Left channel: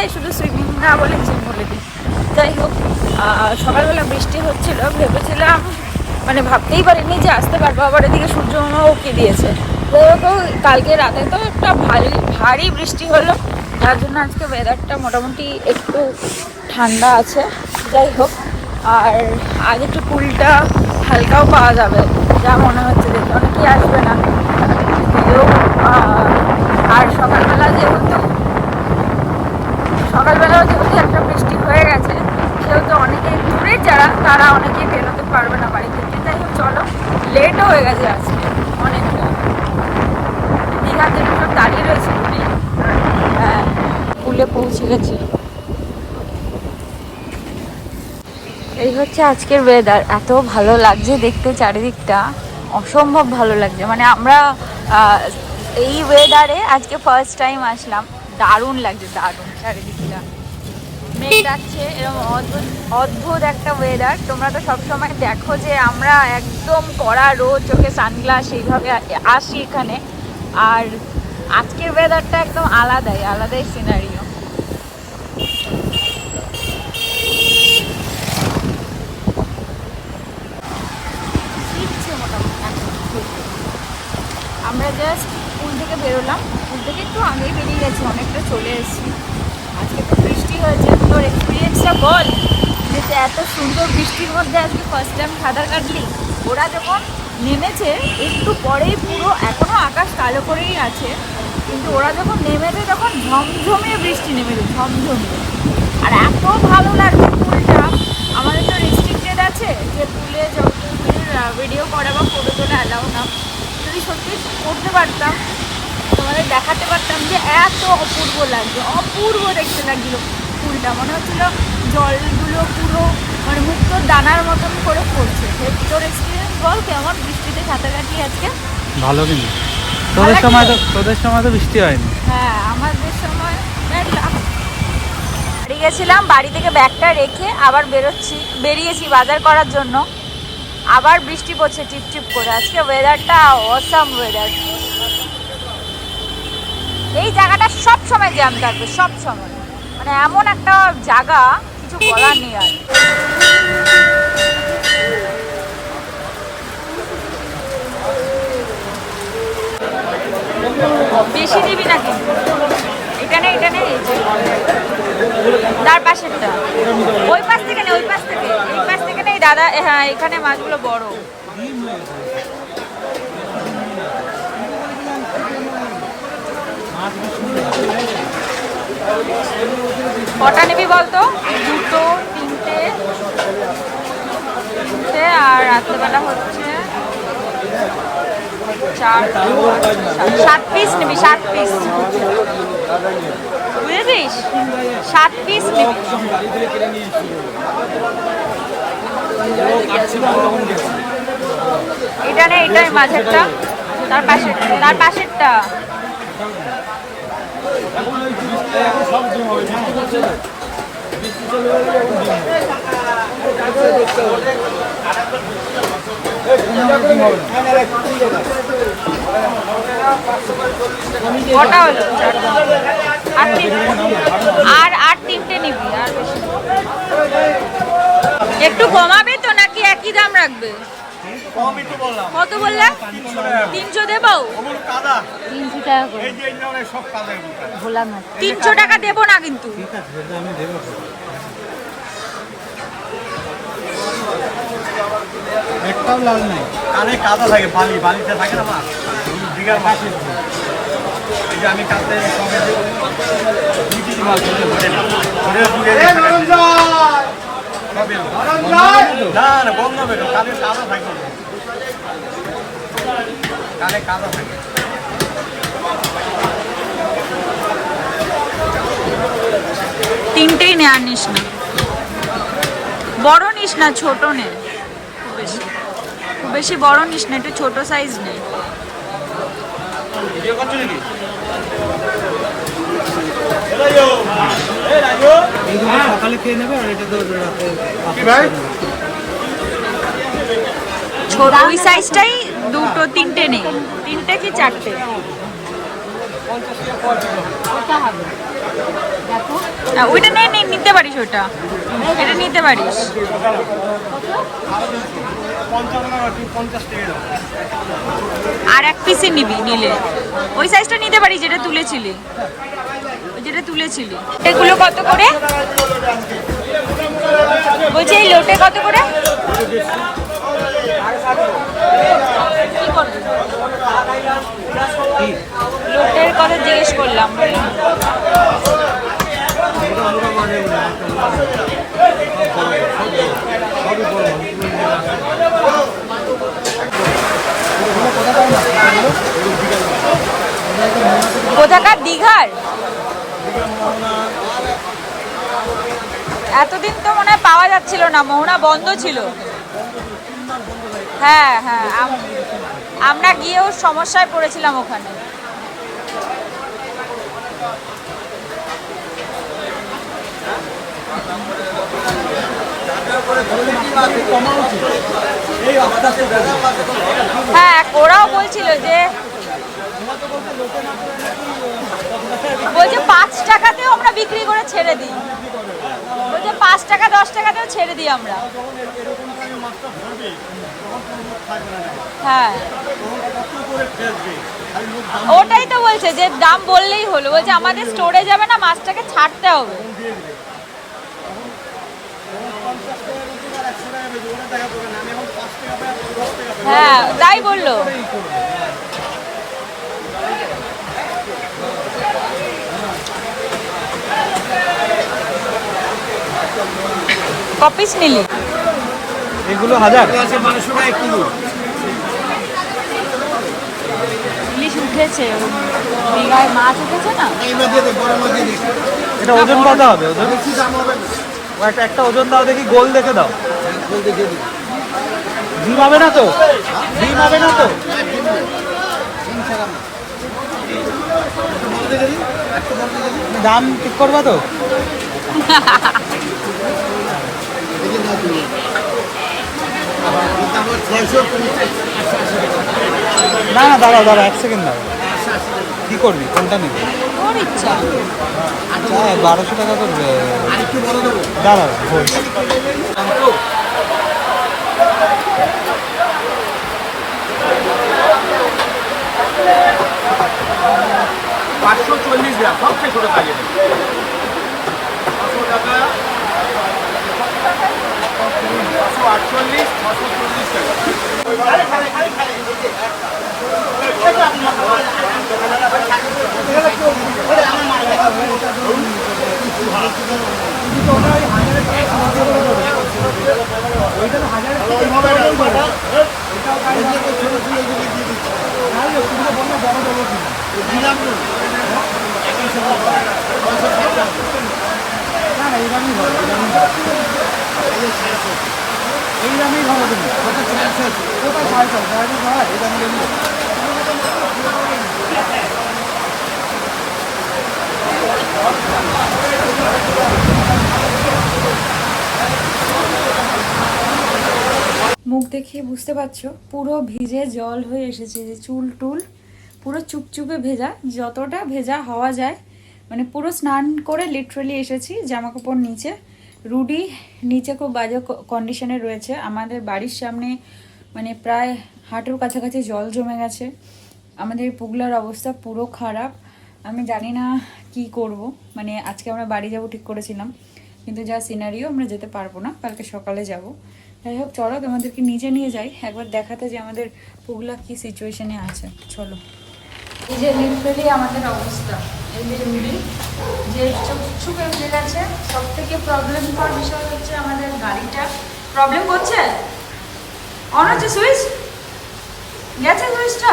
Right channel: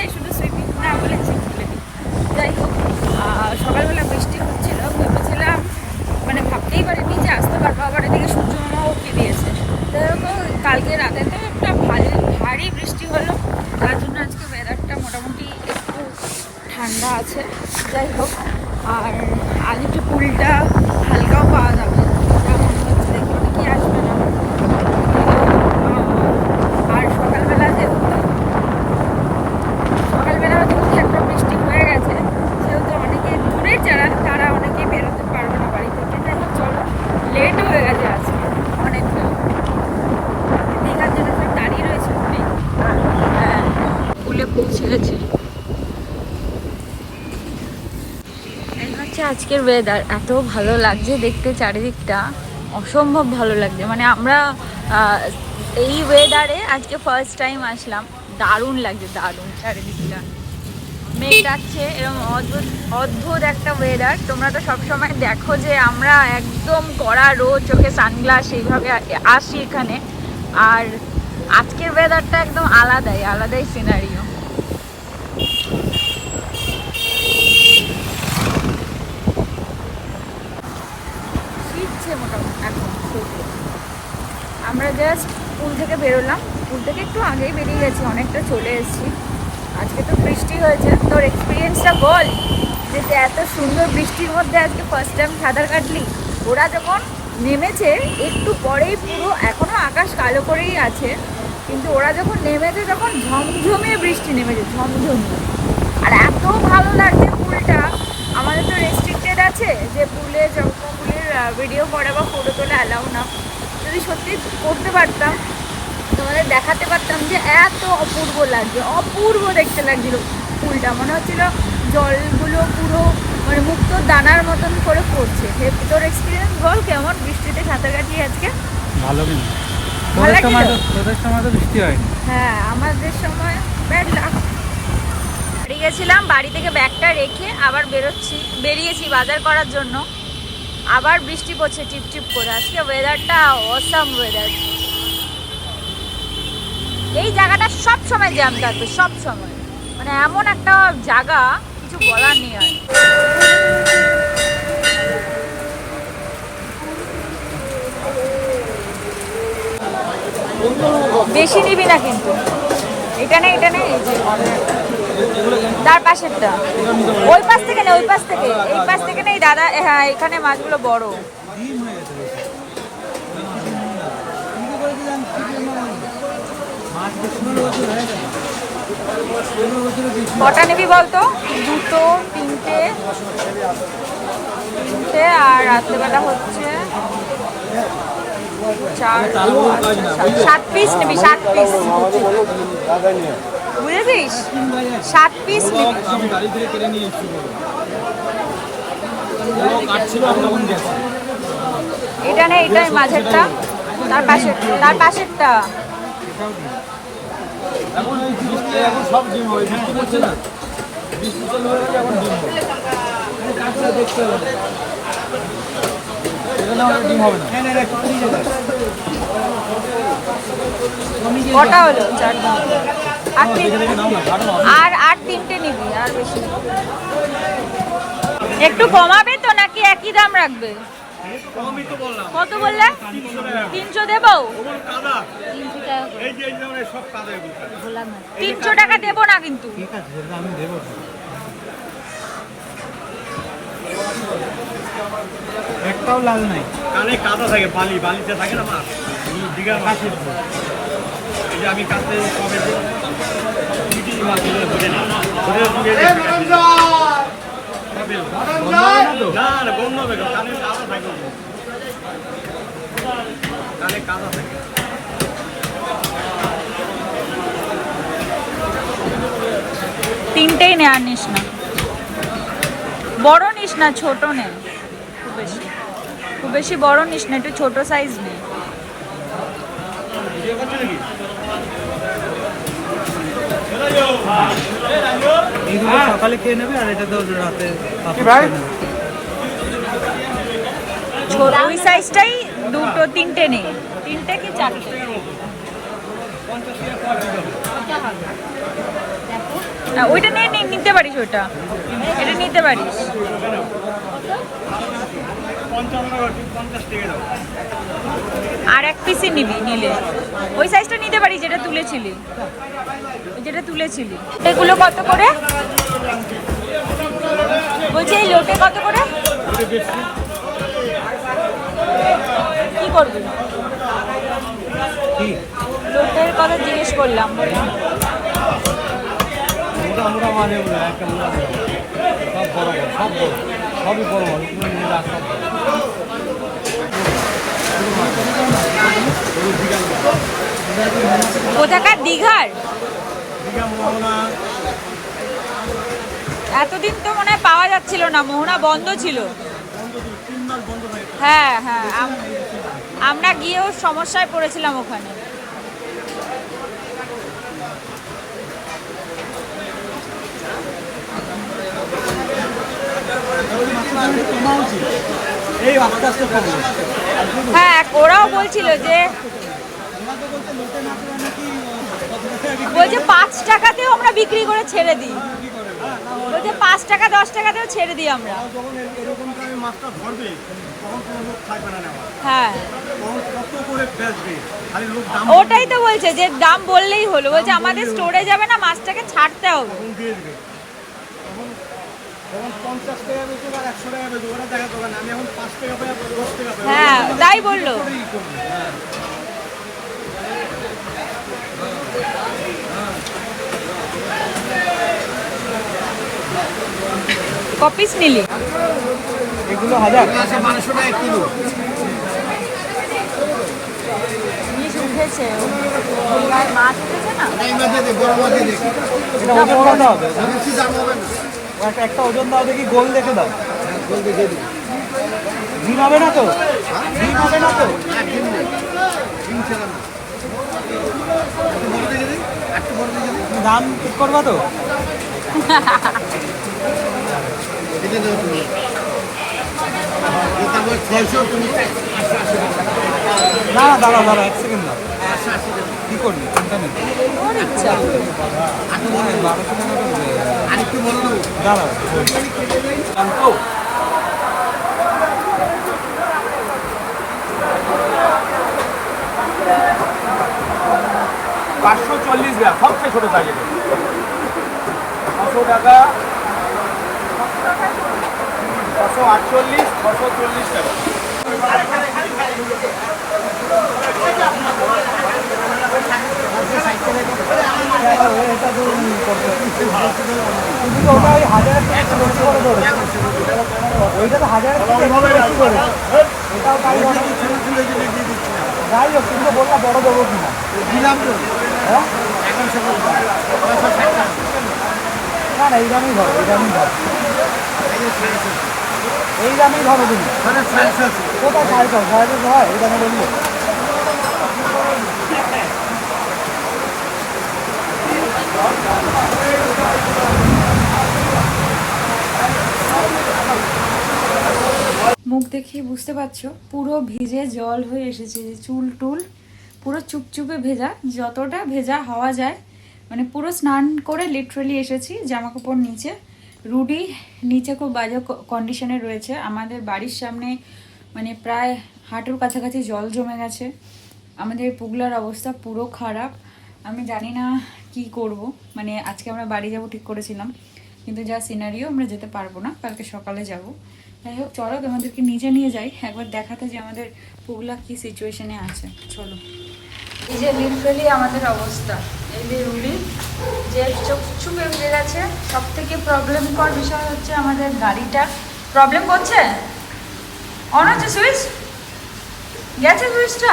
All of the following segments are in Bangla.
যাই, শুধু সুইমিং না বলে জিম বলে দিই। যাই হোক, সকালবেলা বৃষ্টি হচ্ছিল, ভেবেছিলাম মানে ভাবতেই পারিনি যে আসতে পারবো। আবার এদিকে সূর্যমামা উঠে দিয়েছে। তো কালকে রাতে তো একটা ভারী বৃষ্টি হলো, তার জন্য আজকে ওয়েদারটা মোটামুটি একটু ঠান্ডা আছে। যাই হোক, আর আজ একটু পুলটা হালকাও পাওয়া যাবে যা মনে হচ্ছে, দেখতে অনেকেই আসবে না। আর সকালবেলাও যেহেতু একটা বৃষ্টি হয়ে গেছে, সেহেতু অনেকে দূরের যারা তারা অনেকেই বেরোতে পারবে না বাড়ি থেকে। যাই হোক, চলো, লেটও হয়ে গেছে আজকে অনেকটা। দীঘার জন্য সব দাঁড়িয়ে রয়েছে, হ্যাঁ, পুলে পৌঁছে গেছি। এই হচ্ছে আজকের ওয়েদার। এত ভালো লাগছে দেখতে, চারিদিকটা অসম্ভব ভালো লাগছে। মানে আমরা এই ওয়েদারে আজকে ফার্স্ট টাইম আসলাম। দারুণ লাগছে, দারুণ। চারিদিকটা মেঘ ডাকছে, এরকম অদ্ভুত অদ্ভুত একটা ওয়েদার। তোমরা তো সবসময় দেখো যে আমরা একদম কড়া রোদ, চোখে সানগ্লাস এইভাবে আসি এখানে। আর আজকের ওয়েদারটা একদম আলাদাই সিনারিও। মোটামুটি এখন আমরা জাস্ট পুল থেকে বেরোলাম, পুল থেকে একটু আগেই বেরিয়ে গেছি, অনেকটা চলে এসেছি। আজকে তো বৃষ্টি হয়েছে, তোর এক্সপিরিয়েন্সটা বল, যে এত সুন্দর বৃষ্টির মধ্যে আজকে ফার্স্ট টাইম সাঁতার কাটলি। ওরা যখন নেমেছে একটু পরেই পুরো, এখনও আকাশ কালো করেই আছে, কিন্তু ওরা যখন নেমেছে তখন ঝমঝমিয়ে বৃষ্টি নেমেছে, ঝমঝমিয়ে। আর এত ভালো লাগছে পুলটা। আমাদের তো রেস্ট্রিক্টেড আছে যে পুলের ভিডিও করা বা ফটো তোলা অ্যালাউ না। যদি সত্যি করতে পারতাম, তোমাদের দেখাতে পারতাম যে এত অপূর্ব লাগছে, অপূর্ব দেখতে লাগছিল পুলটা। মনে হচ্ছিল জলগুলো পুরো মানে মুক্তোর দানার মতন করে পড়ছে। তোর এক্সপিরিয়েন্স বল, কেমন বৃষ্টিতে সাঁতার কাটলি আজকে? ভালো কিন্তু তোদের সময় তো বৃষ্টি হয়নি। হ্যাঁ, আমাদের সময় ব্যাড লাক। বাড়ি গেছিলাম, বাড়ি থেকে ব্যাগটা রেখে আবার বেরিয়েছি বাজার করার জন্য। আবার বৃষ্টি পড়ছে টিপটিপ করে। আজকে ওয়েদারটা অসাম ওয়েদার। এই জায়গাটা সব সময় জ্যাম থাকবে, সব সময়। মানে এমন একটা জায়গা, কিছু বলার নেই আর। বেশি নিবি না কিন্তু। এটা নেই, এই যে তার পাশেরটা, ওই পাশ থেকে নেই, এই পাশ থেকে নেই দাদা। হ্যাঁ, এখানে মাছগুলো বড়। কটা নিবি বলতো? দুটো, তিনটে, আর রাত্রেবেলা হচ্ছে 7 পিস নিবি, 7 পিস, বুঝেছিস? 7 পিস নিবি। এটা নেই, এটাই মাঝেরটা, তার পাশেরটা। কটা হলো? 4টা। আর 3টে নিবি, আর বেশি একটু কমাবে তো নাকি একই দাম রাখবে? কত বললে? 300 দেবো? 300 টাকা দেবো না কিন্তু। একটাও লাল নাই। কালে কাদা থাকে, বালিতে থাকে না দিঘার পাশে। এই যে আমি কাছে তিনটেই নে, আর নিস না, বড় নিস না, ছোট নে। খুব বেশি বড় নিস না, একটু ছোট সাইজ নে। সকালে খেয়ে নেবে, আর এটা তো ওই সাইজটাই দুটো, তিনটে নেই, 3টে কি 4টে? ওইটা নিতে পারিস, ওইটা এটা নিতে পারিস। 50 টাকা দাও। আর এক পিসই নিবি, নিলে ওই সাইজটা নিতে পারিস যেটা তুলেছিলি, যেটা তুলেছিলি। এগুলো কত করে বলছি? এই লোটে কত করে? কি করবি? লোটের কথা জিজ্ঞেস করলাম, বললাম মোটা মাছ এগুলো, একটা মোটা মাছ। সব বড়, সবই বড় মাছ। কোথাকার? দীঘার? এতদিন তো মনে হয় পাওয়া যাচ্ছিল না, মোহনা বন্ধ ছিল। হ্যাঁ হ্যাঁ, আমরা গিয়েও সমস্যায় পড়েছিলাম ওখানে। হ্যাঁ, ওরাও বলছিল যে, বলছে 5 টাকাতেও আমরা বিক্রি করে ছেড়ে দিই, বলছে 5 টাকা 10 টাকাতেও ছেড়ে দিই আমরা। হ্যাঁ, ওটাই তো বলছে যে দাম বললেই হলো, বলছে আমাদের স্টোরে যাবে না, মাছটাকে ছাড়তে হবে। হ্যাঁ, তাই বললো। কপিস নিলি? এগুলো 1200 টাকা কিলো। ইলিশ উঠেছে, দীঘায় মাছ উঠেছে না? এটা ওজন দাও, বেশি দাম হবে না। একটা ওজন দাও, দেখি গোল দেখে দাও। গোল দেখে দিই। ডিম হবে না তো? ডিম হবে না তো? ডিম ছাড়া না। বড় দেখে দিই, একটা বড় দেখে দিই। দাম ঠিক করবে তো? দেখে নাও তুমি। এটা আমার 600, তুমি 880 টাকা। না না, দাঁড়া 1 সেকেন্ড দাও। 880 টাকা। কি করবি? কোনটা নিবি? তোর ইচ্ছা। 1200 টাকা তো। আরেকটু বড় দেবো। দাঁড়া। 540 গ্রাম, সবচেয়ে ছোট সাইজের। 500 টাকা, 648, 640 টাকা। এই দামেই ভালো কিন্তু কোথায় 500 হয় এই দামে নেই। মুখ দেখিয়ে বুঝতে পারছো পুরো ভিজে জল হয়ে এসেছে, যে চুল টুল পুরো চুপচুপে ভেজা, যতটা ভেজা হওয়া যায়। মানে পুরো স্নান করে লিটারালি এসেছি, জামা কাপড় নিচে। রুডি নিচে খুব বাজে কন্ডিশনে রয়েছে। আমাদের বাড়ির সামনে মানে প্রায় হাঁটুর কাছাকাছি জল জমে গেছে। আমাদের পুগলার অবস্থা পুরো খারাপ। আমি জানি না কি করব। মানে আজকে আমরা বাড়ি যাব ঠিক করেছিলাম, কিন্তু যা সিনারিও আমরা যেতে পারবো না, কালকে সকালে যাব। যাই হোক, চলো তোমাদেরকে নিচে নিয়ে যাই একবার দেখাতে যে আমাদের পুগলা কি সিচুয়েশনে আছে। চলো। এই যে লিটারালি আমাদের অবস্থা, এই যে রুডি যে চুপচুপে উঠে গেছে। সব থেকে প্রবলেমকর বিষয় হচ্ছে আমাদের গাড়িটা প্রবলেম করছে। অন হচ্ছে সুইচ, গেছে সুইচটা।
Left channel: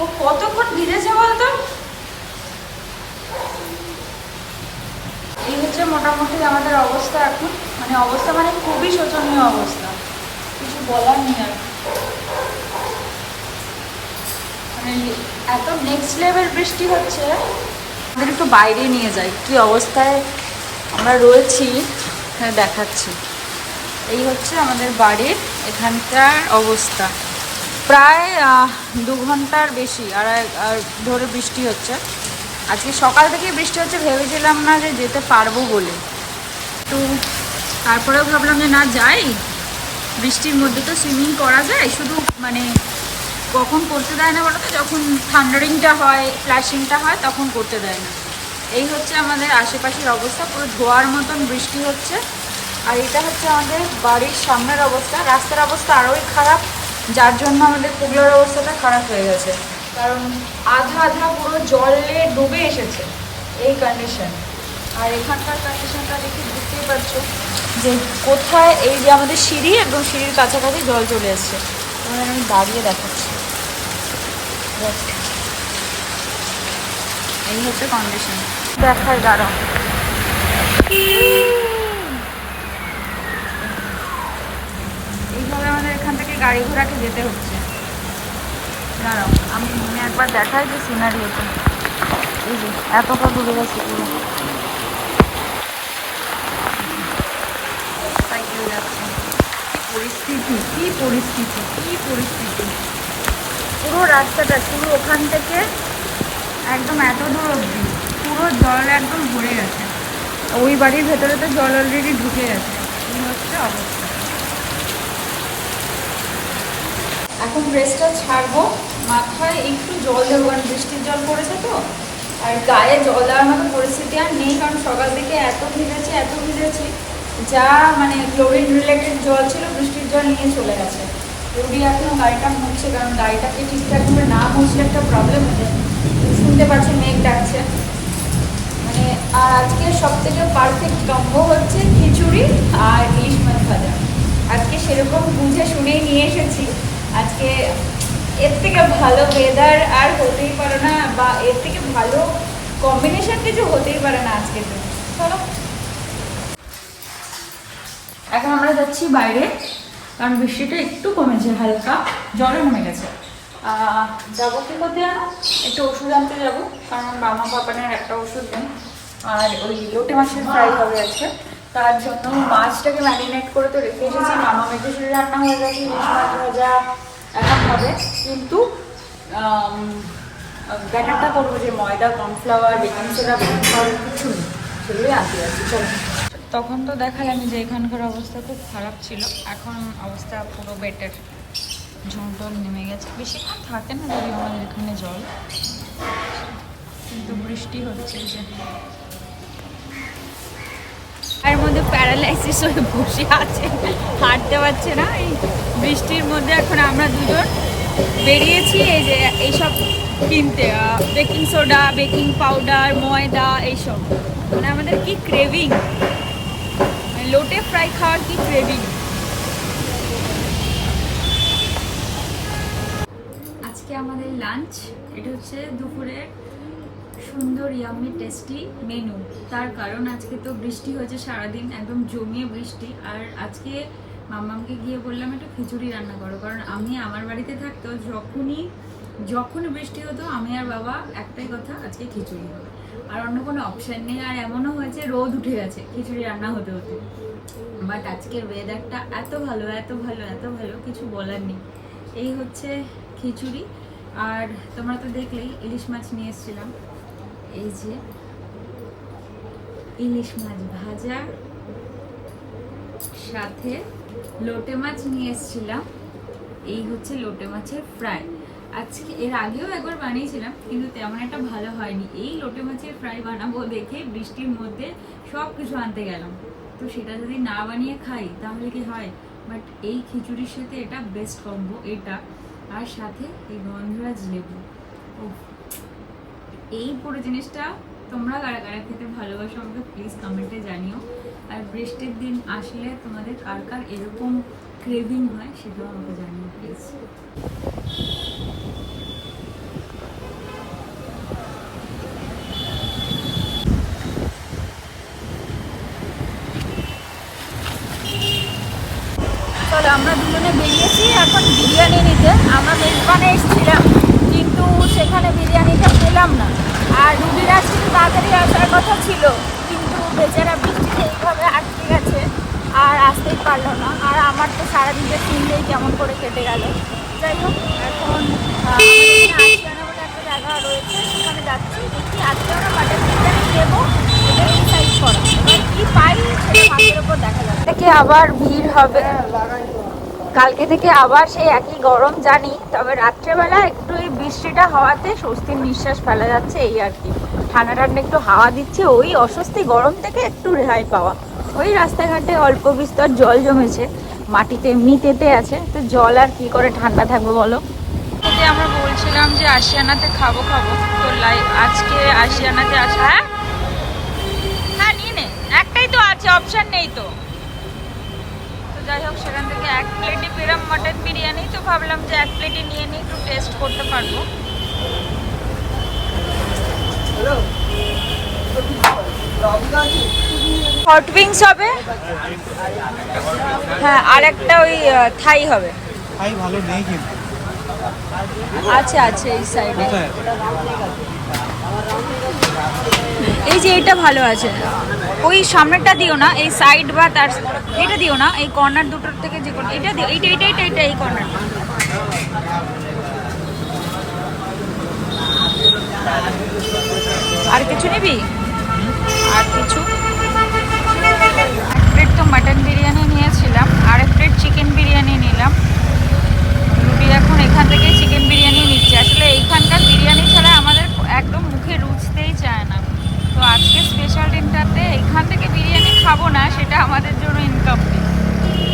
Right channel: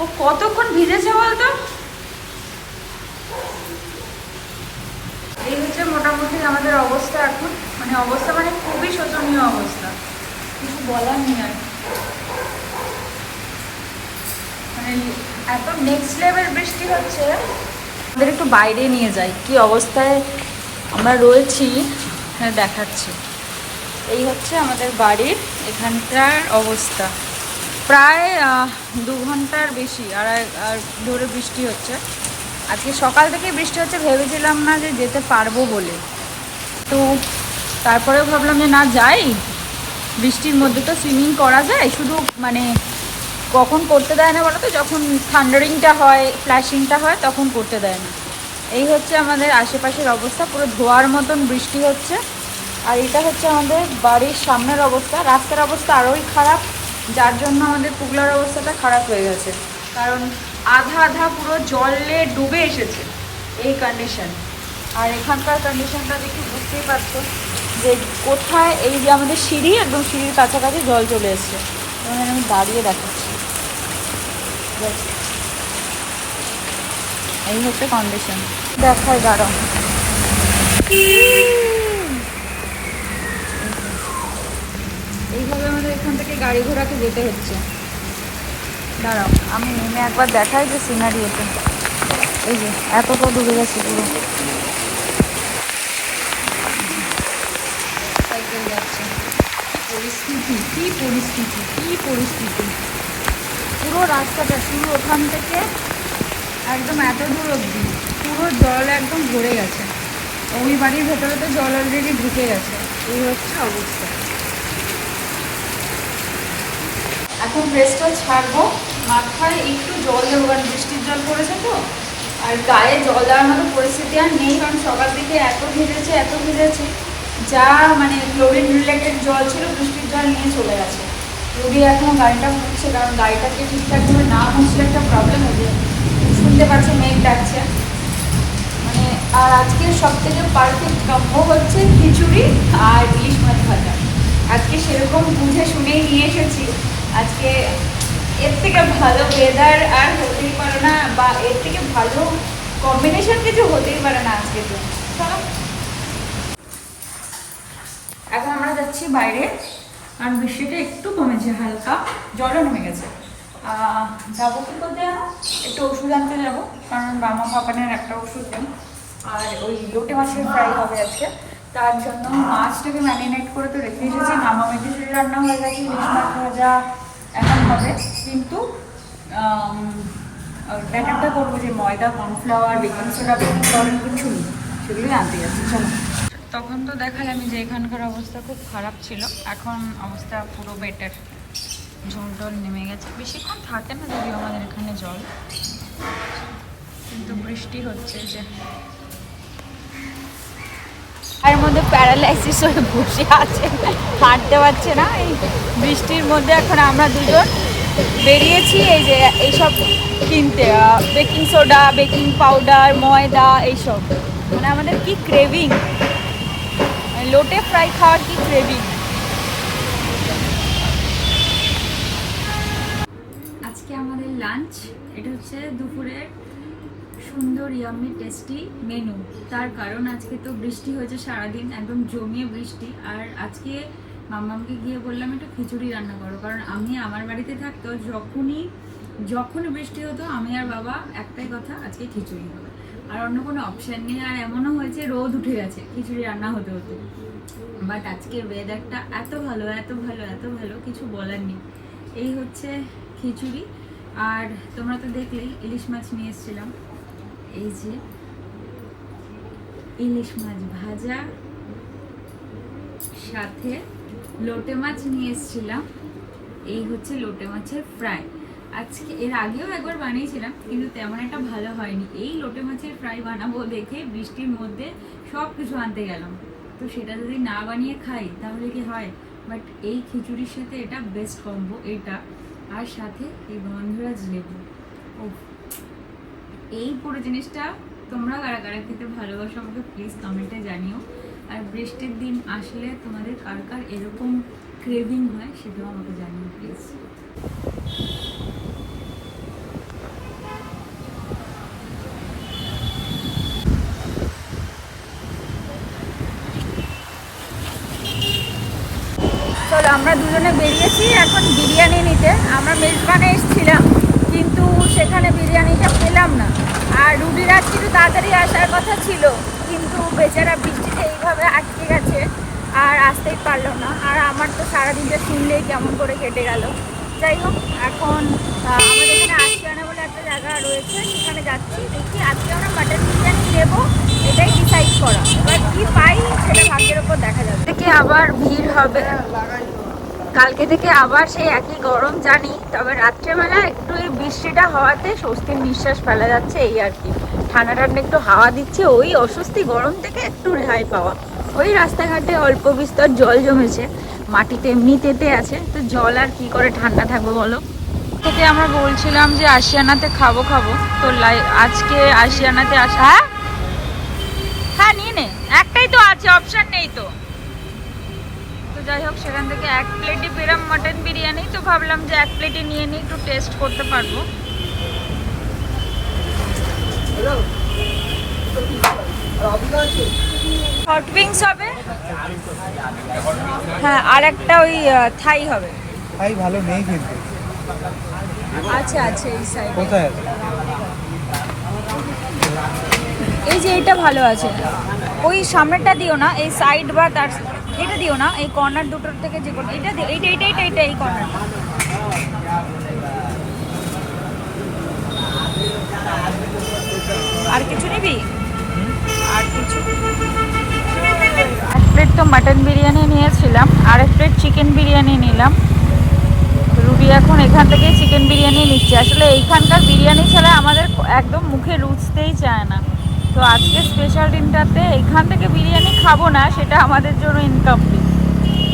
ও কতক্ষণ ভিজেছে বলতো। এই হচ্ছে মোটামুটি আমাদের অবস্থা এখন। মানে অবস্থা মানে খুবই শোচনীয় অবস্থা, কিছু বলার নেই আর। মানে এত নেক্সট লেভেল বৃষ্টি হচ্ছে। আমাদের একটু বাইরে নিয়ে যাই কি অবস্থায় আমরা রয়েছি, হ্যাঁ দেখাচ্ছি। এই হচ্ছে আমাদের বাড়ির এখানটার অবস্থা। প্রায় 2 ঘন্টার বেশি আর ধরে বৃষ্টি হচ্ছে। আজকে সকাল থেকে বৃষ্টি হচ্ছে, ভেবেছিলাম না যে যেতে পারবো বলে, তো তারপরেও ভাবলাম যে না যাই, বৃষ্টির মধ্যে তো সুইমিং করা যায়, শুধু মানে কখন করতে দেয় না বলো তো, যখন থান্ডারিংটা হয়, ফ্ল্যাশিংটা হয় তখন করতে দেয় না। এই হচ্ছে আমাদের আশেপাশের অবস্থা, পুরো ধোয়ার মতন বৃষ্টি হচ্ছে। আর এটা হচ্ছে আমাদের বাড়ির সামনের অবস্থা, রাস্তার অবস্থা আরোই খারাপ, যার জন্য আমাদের পুগলার অবস্থাটা খারাপ হয়ে গেছে, কারণ আধা আধা পুরো জলে ডুবে এসেছে এই কন্ডিশন। আর এখানকার কন্ডিশনটা দেখে বুঝতেই পারছো যে কোথায়, এই যে আমাদের সিঁড়ি, একদম সিঁড়ির কাছাকাছি জল চলে এসছে। তোমাদের আমি দাঁড়িয়ে দেখাচ্ছি, এই হচ্ছে কন্ডিশন, দেখায় দাঁড়াও। এইভাবে আমাদের এখান থেকে গাড়ি ঘোড়াকে যেতে হচ্ছে। দাঁড়াও আমি নেমে একবার দেখাই যে সিনারিওটা, এই যে এতটা ডুবে গেছে পুরো, সাইকেল যাচ্ছে। পরিস্থিতি কি পরিস্থিতি, কি পরিস্থিতি, পুরো রাস্তাটা শুরু ওখান থেকে একদম এত দূর অবধি পুরো জল একদম ভরে গেছে। ওই বাড়ির ভেতরে তো জল অলরেডি ঢুকে গেছে। এই হচ্ছে অবস্থা। এখন ড্রেসটা ছাড়বো, মাথায় একটু জল দেবো, কারণ বৃষ্টির জল পড়েছে তো, আর গায়ে জল দেওয়ার মতো পরিস্থিতি আর নেই, কারণ সকাল থেকে এত ভিজেছি, যা মানে ক্লোরিন রিলেটেড জল ছিল বৃষ্টির জল নিয়ে চলে গেছে। রুডি এখনও গাড়িটা মুছছে, কারণ গাড়িটাকে ঠিকঠাকভাবে না মুছলে একটা প্রবলেম হয়ে যায়। শুনতে পাচ্ছ মেঘ ডাকছে মানে। আর আজকে সব থেকে পারফেক্ট কম্বো হচ্ছে খিচুড়ি আর ইলিশ মাছ ভাজা। আজকে সেরকম বুঝে শুনেই নিয়ে এসেছি। আজকে এর থেকে ভালো ওয়েদার আর হতেই পারে না, বা এর থেকে ভালো কম্বিনেশন কিছু হতেই পারে না আজকের দিন। চলো এখন আমরা যাচ্ছি বাইরে, কারণ বৃষ্টিটা একটু কমেছে, হালকা জলও নেমে গেছে। যাবো কি করতে জানো, একটু ওষুধ আনতে যাবো, কারণ মামা পাপানের একটা ওষুধ নেই। আর ওই লোটে মাছের ফ্রাই হবে আজকে, তার জন্য মাছটাকে ম্যারিনেট করে তো রেখে এসেছি। মামা মেখে রান্না হয়ে গেছে, ইলিশ মাছ ভাজা এখন হবে, কিন্তু ব্যাটারটা করবো যে ময়দা, cornflour, baking soda, baking powder কিছু নেই, সেগুলোই আনতে যাচ্ছি। চলো। তখন তো দেখালাম যে এখানকার অবস্থা খুব খারাপ ছিল, এখন অবস্থা পুরো বেটার, ঝোল টোল নেমে গেছে। বেশিক্ষণ থাকে না যদিও আমাদের এখানে জল, কিন্তু বৃষ্টি হচ্ছে যে এর মধ্যে প্যারালাইসিস হয়ে বসে আছে, হাঁটতে পারছে না এই বৃষ্টির মধ্যে। এখন আমরা দুজন বেরিয়েছি এই যে এইসব কিনতে, বেকিং সোডা, বেকিং পাউডার, ময়দা, এইসব। মানে আমাদের কি ক্রেভিং, মানে লোটে ফ্রাই খাওয়ার কি ক্রেভিং। আজকে আমাদের লাঞ্চ, এটা হচ্ছে দুপুরের সুন্দর ইয়ামি টেস্টি মেনু। তার কারণ আজকে তো বৃষ্টি হয়েছে সারাদিন, একদম জমিয়ে বৃষ্টি। আর আজকে মাম্মামকে গিয়ে বললাম একটু খিচুড়ি রান্না করো, কারণ আমি আমার বাড়িতে থাকতো যখন বৃষ্টি হতো আমি আর বাবা একটাই কথা, আজকে খিচুড়ি হবে, আর অন্য কোনো অপশান নেই। আর এমনও হয়েছে রোদ উঠে গেছে খিচুড়ি রান্না হতে হতে, বাট আজকের ওয়েদারটা এত ভালো, কিছু বলার নেই। এই হচ্ছে খিচুড়ি। আর তোমরা তো দেখলেই ইলিশ মাছ নিয়ে এসেছিলাম, এই যে ইলিশ মাছ ভাজা, সাথে লোটে মাছ নিয়ে এসেছিলাম, এই হচ্ছে লোটে মাছের ফ্রাই। আজকে এর আগেও একবার বানিয়েছিলাম, কিন্তু তেমন একটা ভালো হয়নি। এই লোটে মাছের ফ্রাই বানাবো দেখে বৃষ্টির মধ্যে সব কিছু আনতে গেলাম, তো সেটা যদি না বানিয়ে খাই তাহলে কি হয়। বাট এই খিচুড়ির সাথে এটা বেস্ট কম্বো, এটা আর সাথে এই গন্ধরাজ লেবু। ও এই পুরো জিনিসটা তোমরা কারা কারা খেতে ভালোবাসো আমাকে প্লিজ কমেন্টে জানিও। আর বৃষ্টির দিন আসলে তোমাদের কার কার এরকম ক্রেভিং হয় সেটাও আমাকে জানিও প্লিজ। চলো আমরা দুজনে বেরিয়েছি এখন বিরিয়ানি নিতে। আমরা মেজবানে এসেছিলাম, কিন্তু সেখানে বিরিয়ানিটা পেলাম না। আর রুডির আজকে তো তাড়াতাড়ি আসার কথা ছিল, কিন্তু বেচারা বৃষ্টিতে এইভাবে আটকে গেছে আর আসতেই পারলো না। আর আমার তো সারাদিনটা কিনলেই কেমন করে কেটে গেল। যাই হোক, এখন আমাদের এখানে আশিয়ানা বলে একটা জায়গা রয়েছে, সেখানে যাচ্ছি। দেখি আজকে আমরা মাটন বিরিয়ানি নেবো, এটাই ডিসাইড করা। এবার কি পাই সেটা ভাগ্যের ওপর দেখা যাবে। থেকে আবার ভিড় হবে, কালকে থেকে আবার সেই একই গরম জানি, তবে রাত্রেবেলা একটু এই বৃষ্টিটা হওয়াতে স্বস্তির নিঃশ্বাস ফেলা যাচ্ছে, এই আর কি। ঠান্ডা ঠান্ডা একটু হাওয়া দিচ্ছে, ওই অস্বস্তি গরম থেকে একটু রেহাই পাওয়া। ওই রাস্তাঘাটে অল্প বিস্তর জল জমেছে, মাটিতে এমনি তেতে আছে, তো জল আর কি করে ঠান্ডা থাকবে বলো। থেকে আমরা বলছিলাম যে আশিয়ানাতে খাবো, তো আজকে আশিয়ানাতে আসা। হ্যাঁ নিয়ে নে, একটাই তো আছে, অপশন নেই তো। যাই হোক, সেখান থেকে এক প্লেটই পেলাম মাটন বিরিয়ানি, তো ভাবলাম যে এক প্লেটই নিয়ে নিই, একটু টেস্ট করতে পারবো। হট উইংস হবে, হ্যাঁ, আর একটা ওই থাই হবে। ভাই ভালো নেই কিন্তু। আছে আছে এই সাইডে, কোথায় আছে? এই যে এইটা ভালো আছে। ওই সামনেরটা দিও না, এই সাইড বা তার এটা দিও না, এই কর্নার দুটোর থেকে যে কোনো এটা দিও, এইটা এইটা এইটা এইটা এই কর্নারটা। আর কিছু নিবি? আর কিছু? এক প্লেট তো মাটন বিরিয়ানি নিয়েছিলাম, আর এক প্লেট চিকেন বিরিয়ানি নিলাম। রুটি এখন এখান থেকে চিকেন বিরিয়ানি নিচ্ছে। আসলে এইখানকার বিরিয়ানি ছাড়া আমাদের একদম মুখে রুচতেই চায় না, তো আজকে স্পেশাল দিনটাতে এইখান থেকে বিরিয়ানি খাবো না, সেটা আমাদের জন্য ইনকমপ্লিট।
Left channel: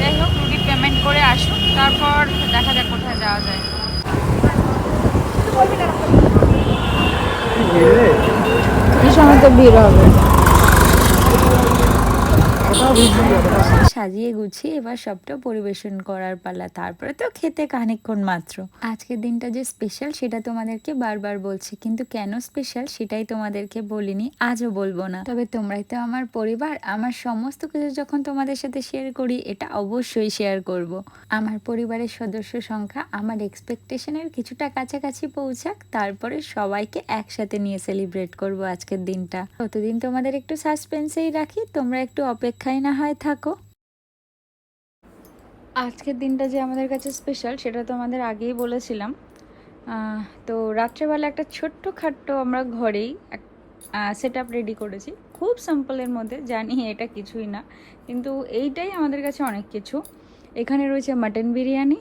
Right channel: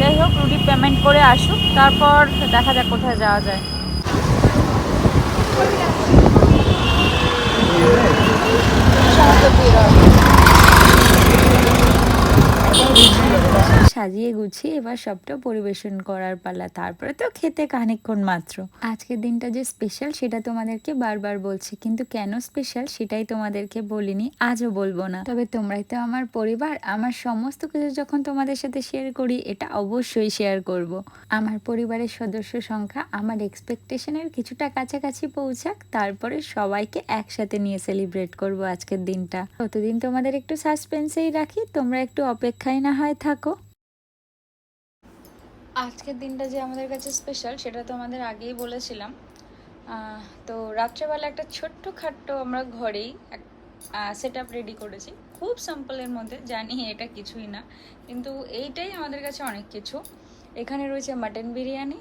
যাই হোক, রুটি পেমেন্ট করে আসুক, তারপর দেখা যাক কোথায় যাওয়া যায়। এই সময় তো ভিড় হবে। সাজিয়ে গুছিয়ে এবার সবটা পরিবেশন করার পালা, তারপরে তো খেতে খানিকক্ষণ মাত্র। আজকের দিনটা যে স্পেশাল সেটা তোমাদেরকে বারবার বলছি, কিন্তু কেন স্পেশাল সেটাই তোমাদেরকে বলিনি, আজও বলবো না। তবে তোমরাই তো আমার পরিবার, আমার সমস্ত কিছু যখন তোমাদের সাথে শেয়ার করি, এটা অবশ্যই শেয়ার করব। আমার পরিবারের সদস্য সংখ্যা আমার এক্সপেকটেশনের কিছুটা কাছাকাছি পৌঁছাক, তারপরে সবাইকে একসাথে নিয়ে সেলিব্রেট করব আজকের দিনটা। ততদিন তোমাদের একটু সাসপেন্সেই রাখি, তোমরা একটু অপেক্ষায় না হয় থাকো। আজকের দিনটা যে আমাদের কাছে স্পেশাল সেটা তো আমাদের আগেই বলেছিলাম। তো রাত্রেবেলা একটা ছোট্ট খাট্ট আমরা ঘরেই সেট আপ রেডি করেছি, খুব সিম্পলের মধ্যে, জানি এটা কিছুই না, কিন্তু এইটাই আমাদের কাছে অনেক কিছু। এখানে রয়েছে মাটন বিরিয়ানি,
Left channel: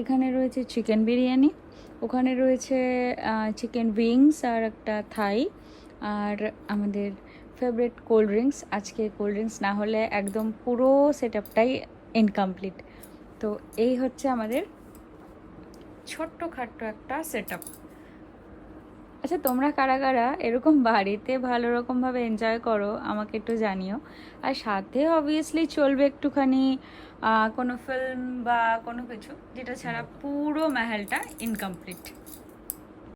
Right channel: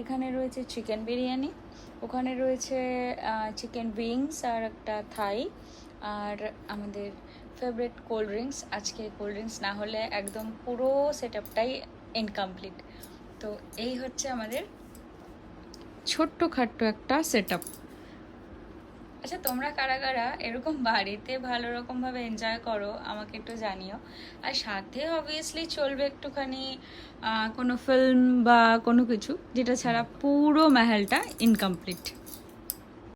এখানে রয়েছে চিকেন বিরিয়ানি, ওখানে রয়েছে চিকেন উইংস আর একটা থাই, আর আমাদের ফেভারিট কোল্ড ড্রিঙ্কস। আজকে কোল্ড ড্রিঙ্কস না হলে একদম পুরো সেট আপটাই ইনকমপ্লিট। তো এই হচ্ছে আমাদের ছোট্ট খাট্ট একটা সেট আপ। আচ্ছা, তোমরা কারা কারা এরকম বাড়িতে ভালো রকমভাবে এনজয় করো আমাকে একটু জানিও। আর সাথে অবভিয়াসলি চলবে একটুখানি কোনো ফিল্ম বা কোনো কিছু, যেটা ছাড়া পুরো মেহেলটা ইনকমপ্লিট।